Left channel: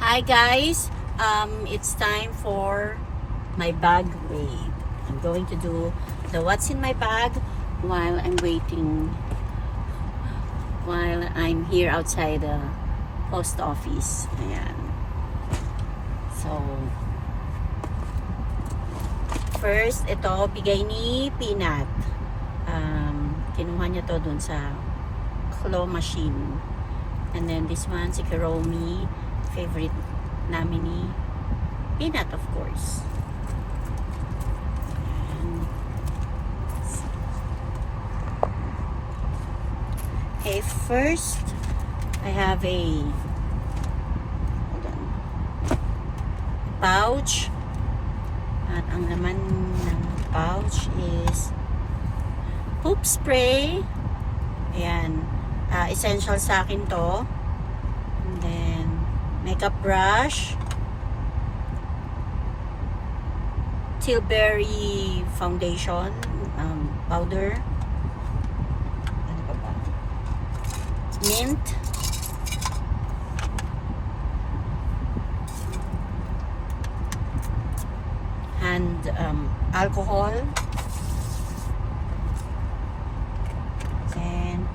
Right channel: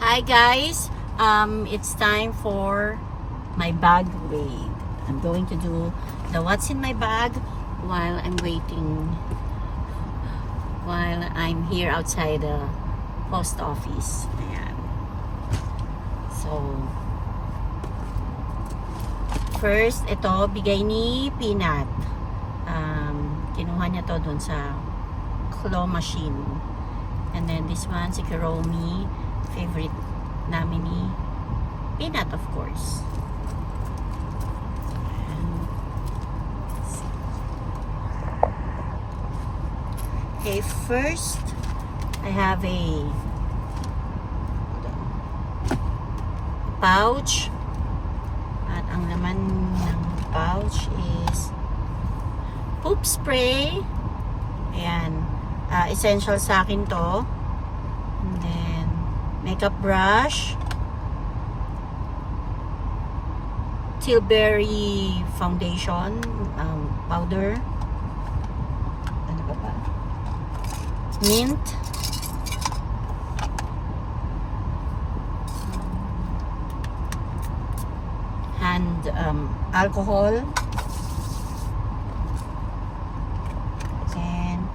Hi guys, it's time for my bag wave. I'm going to do the what's in my bag while I'm waiting, while I'm here outside the post office. Ayan. So, first, ito, bigay ni Peanut. Kinuha niya to dun sa claw machine. And then this one, si Kuromi, favorite namin ni Peanut, of course. Okay, first, I have a pouch. At ang laman ng pouch is poop spray. Ayan. Essential sa akin to. And then, makeup brush. Tilbury foundation powder. Ano pa ba? Mint. And alcohol. Then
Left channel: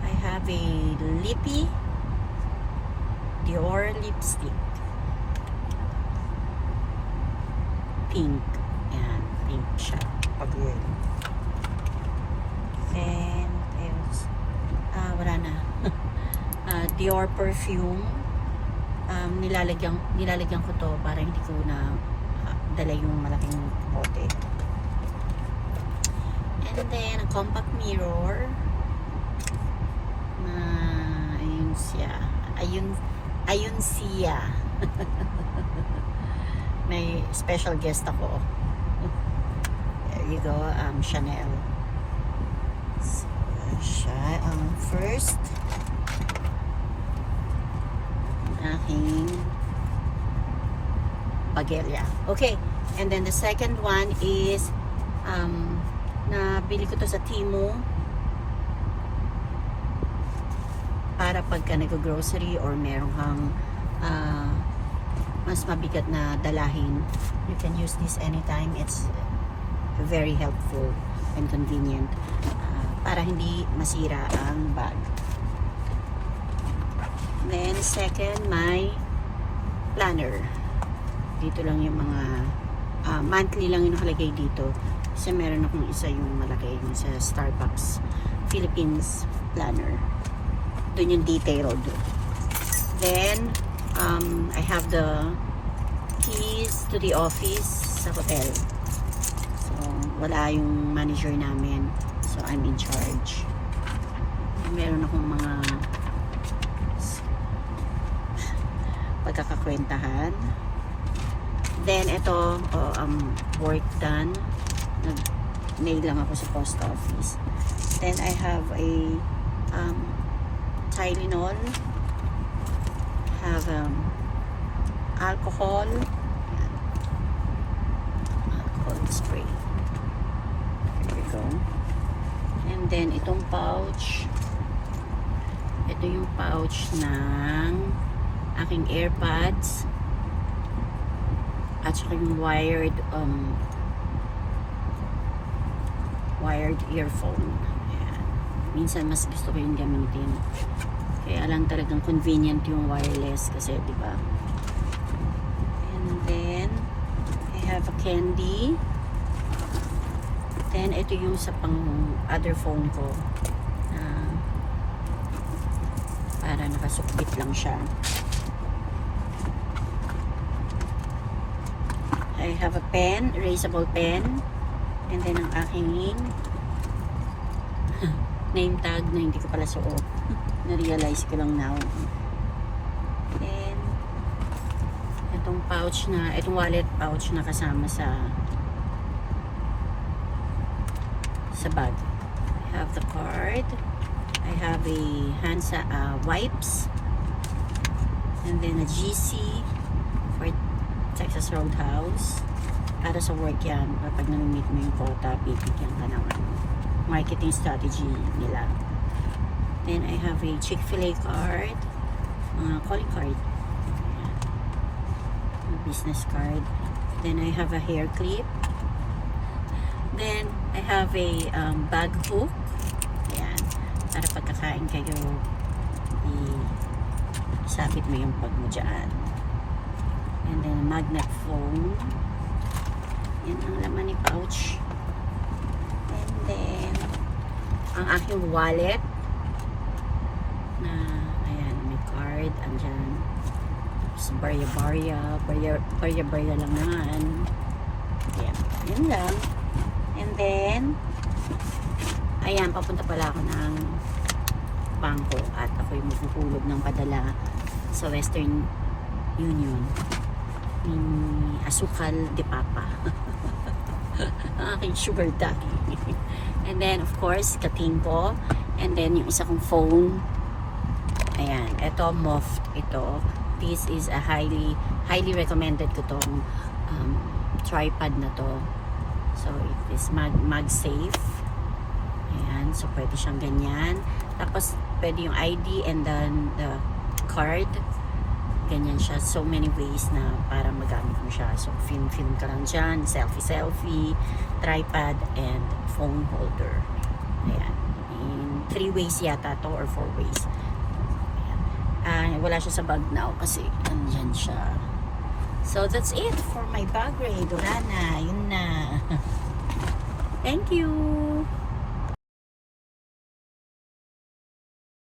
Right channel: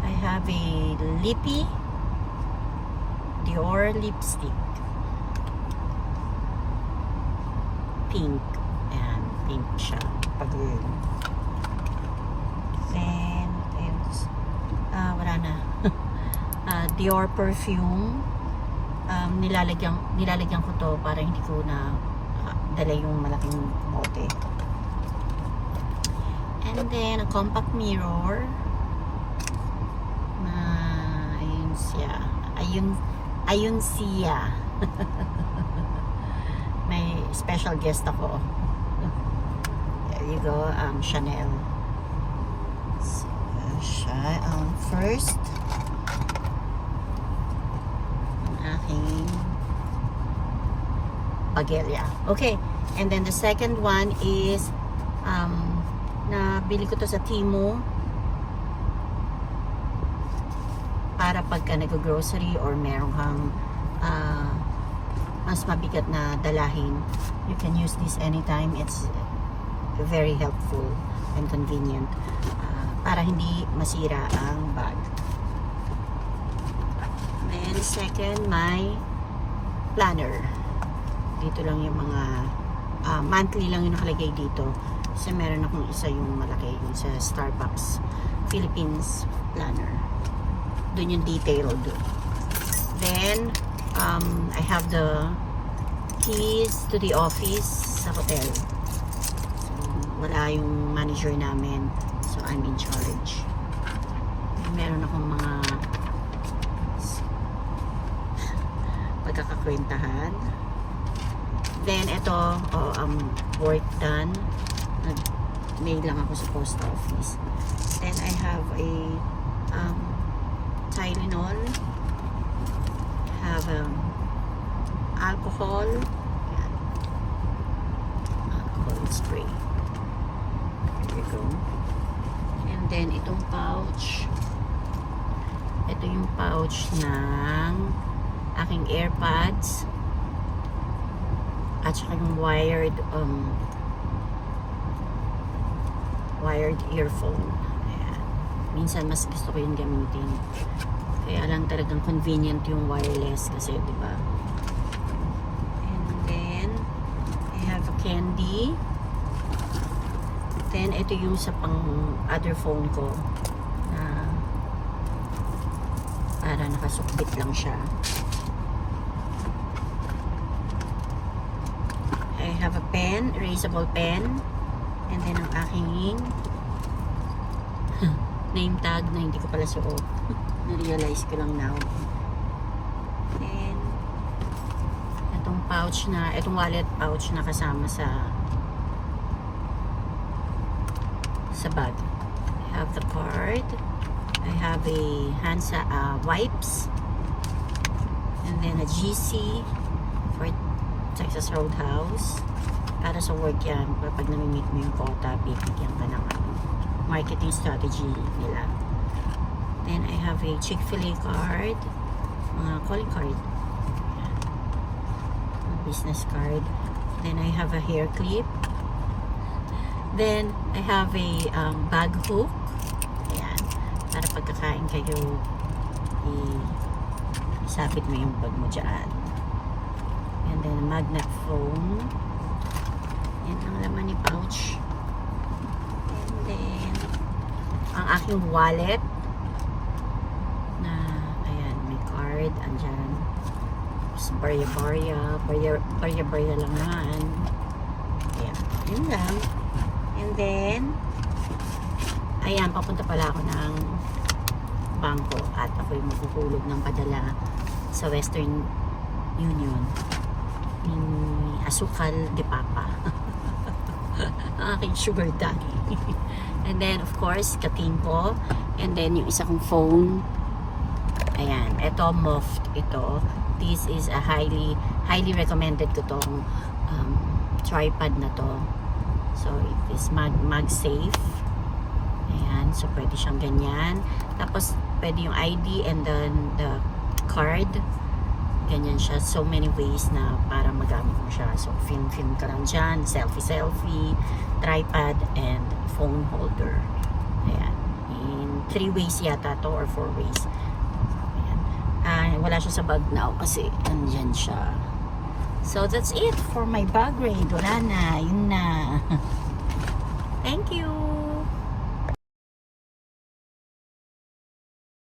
I have a lippy Dior lipstick. Pink. Ayan, pink siya. Pag-girl. Then, what else? Wala na. Dior perfume. Nilalagyan ko to para hindi ko na dala yung malaking bote. And then, a compact mirror. Ayun siya. Ayun siya. May special guest ako. There you go. Chanel. So, siya. First, ang aking pagelya. Okay. And then the second one is nabili ko to sa Temu para pagka nag-grocery or meron kang mas mabigat na dalahin, you can use this anytime. It's very helpful and convenient para hindi masira ang bag. Then second, my planner. Dito lang yung mga monthly lang yung nakalagay dito. Kasi meron akong isa yung malaki, yung sa Starbucks Philippines planner. Doon yung detailed. Then, I have the keys to the office sa hotel. So, wala yung manager namin. So, I'm in charge. Meron akong mga pagkakakwentahan. Then, ito, work done. Nag-mail lang ako sa post office. Then, I have a Tylenol. Have alcohol. Yan. Alcohol spray. There you go. And then, itong pouch. Ito yung pouch ng aking AirPods. At saka yung wired earphone. Ayan. Minsan mas gusto ko yung gamitin. Kaya lang talagang convenient yung wireless kasi, di ba? And then I have a candy. Then ito yung sa pang other phone ko. Para nakasukbit lang siya. I have a pen, erasable pen. And then ang aking name tag na hindi ko pala suot. Na-realize ko lang now. And itong pouch na, itong wallet pouch na kasama sa bag. I have the card. I have a hand wipes. And then a GC for Texas Roadhouse. Para sa work yan. Kapag nami-meet mo yung quota, bibigyan ka ng marketing strategy nila. Then I have a Chick-fil-A card. Calling card. business card. Then I have a hair clip. Then I have a bag hook. Ayan. Para pagkakain kayo, isabit mo yung bag mo dyan. And then magnet phone. Yan ang laman ni pouch. And then ang aking wallet na ayan, may card andyan. Barya lang naman. Ayan, yun lang. And then ayan, papunta pala ako ng bangko at ako'y magkukulog ng padala sa Western Union ni Asukal de Papa. Ang aking sugar daddy. And then of course kating ko, and then yung isa kong phone. Ayan, ito Moft ito. This is a highly recommended ko tong tripod na to. So it is mag-safe. Ayan, so pwede siyang ganyan. Tapos pwede yung ID and then the card. Ganyan siya. So many ways na para magamit mo siya. So film ka lang dyan. Selfie, tripod, and phone holder. Ayan. In 3 ways yata to or 4 ways. Wala siya sa bag now kasi andyan siya. So that's it for my bag raid. Wala na. Yun na. Thank you.